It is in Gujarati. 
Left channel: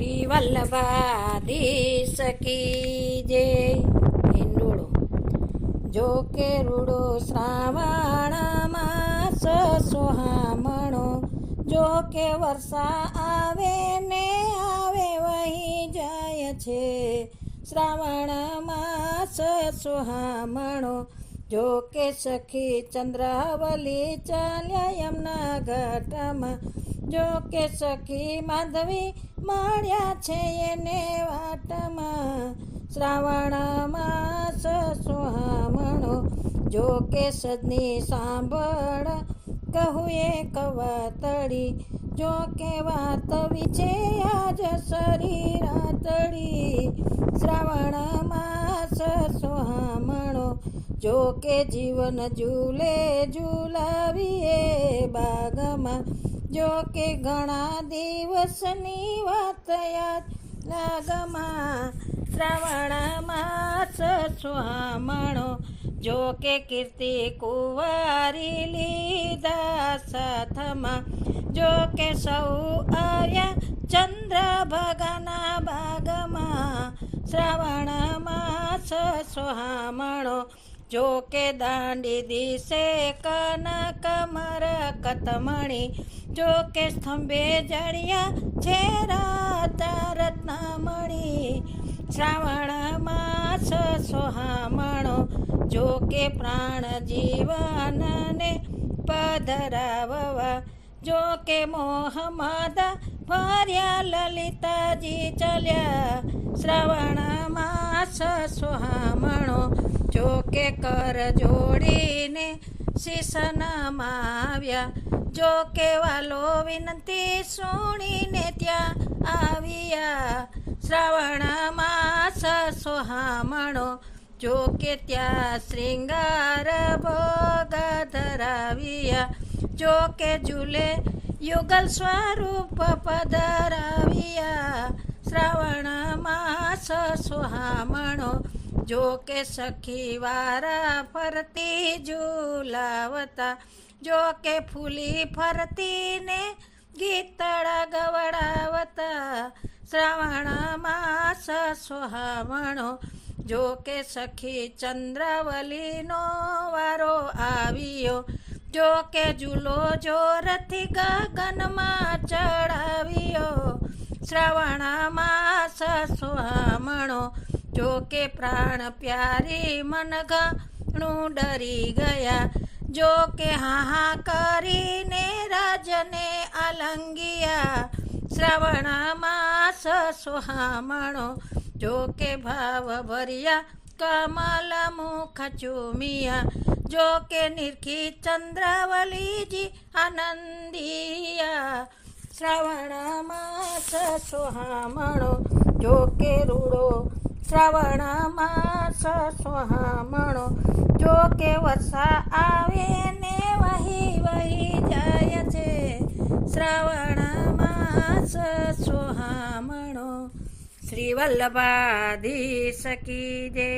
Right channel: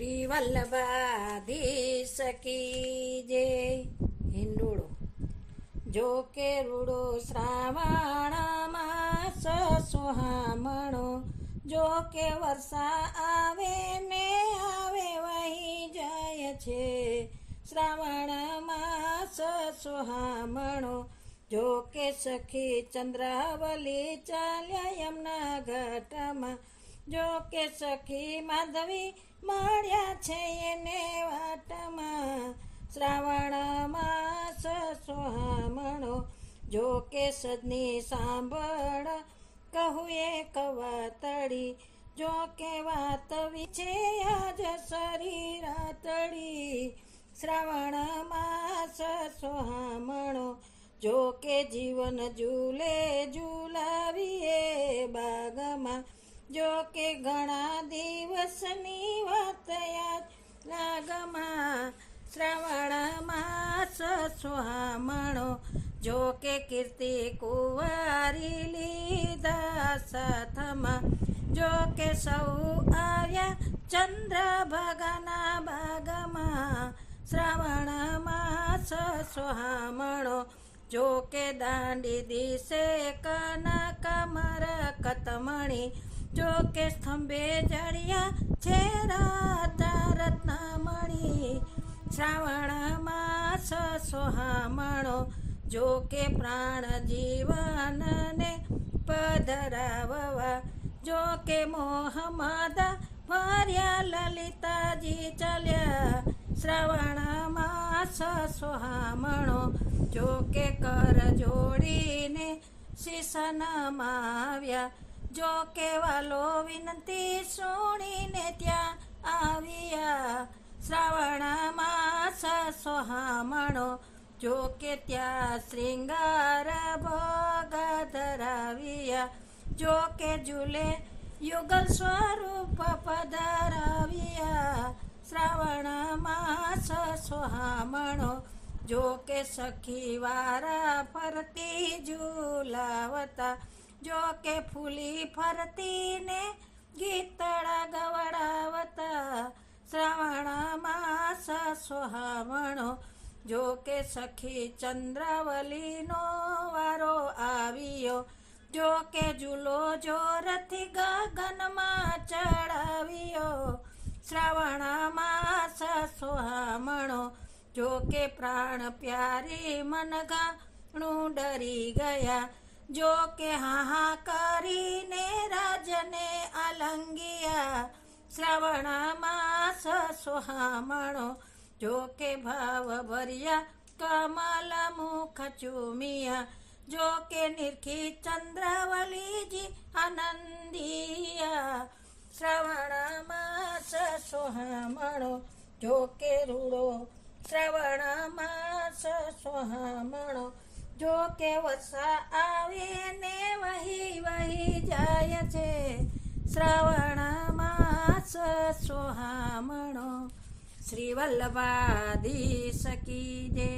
શ્રી વલ્લભાધીશ કી જય. હિંડોળો. જો કે રૂડો શ્રાવણ માસ સુહામણો, જો કે વર્ષા આવે ને આવે વહી જાય છે. શ્રાવણ માસ સુહામણો, જો કે સખી ચંદ્રાવલી ચાલ્યા યમુના ઘાટમાં, જો કે સખી માધવી મળ્યા છે એને વાટમાં. શ્રાવણ માસ સુહામણો, જો કે સજની સાંભળ કહું એ કવાતડી, જો કે વાત વિશે આજ શરીર રાતડી. શ્રાવણ માસ સુહામણો, જો કે જીવન ઝૂલે ઝૂલાવીએ બાગમાં, જો કે ઘણા દિવસની વાત યાદ લાગમાં. શ્રાવણ માસ સુહામણો, જો કે કીર્તિ કુંવારી લીધા સાથમાં, જો કે સૌ આવ્યા ચંદ્રભાગાના બાગમાં. શ્રાવણ માસ સુહામણો, જો કે દાંડી દિશે કનક મરકતમણી, જો કે સ્તંભે જડિયા છે રાતા રત્નમણી. શ્રાવણ માસ સુહામણો, જો કે પ્રાણ જીવનને પધરાવવા, જો કે મોહમ્મદ ભર્યા લલિતાજી ચાલ્યા. શ્રાવણ માસ સુહામણો, જો કે કર જોડીને શીશ નમાવ્યા, જો કે વાલો વિનંતી સુણીને ત્યાં આવ્યા. શ્રાવણ માસ સુહામણો, જો કે ત્યાં શ્રીંગાર ભોગ ધરાવ્યા, જો કે ઝૂલે યુગલ સ્વરૂપ પધરાવ્યા. શ્રાવણ માસ સુહામણો, જો કે સખી વારા ફરતી ઝૂલાવતા, જો કે ફૂલી ફરતીને ગીતડા ગવડાવતા. શ્રાવણ માસ સુહામણો, જો કે સખી ચંદ્રાવલીનો વારો આવ્યો, જો કે ઝૂલો જોરથી ગગનમાં ચડાવ્યો. શ્રાવણ માસ સુહામણો, જો કે પ્રાણ પ્યારી મન ઘણું ડરી ગયા, જો કે હા કરીને રાજને આલંગિયા. શ્રાવણ માસ સુહામણો, જો કે ભાવ ભર્યા કમલ મુખ ચૂમિયા, જો કે નિરખી ચંદ્રાવલીજી આનંદિયા. શ્રાવણ માસ સુહામણો, જો કે રૂડો શ્રાવણ માસ સુહામણો, જો કે વર્ષા આવે ને વહી વહી જાય છે. શ્રાવણ માસ સુહામણો. શ્રી વલ્લભાધીશ કી જય.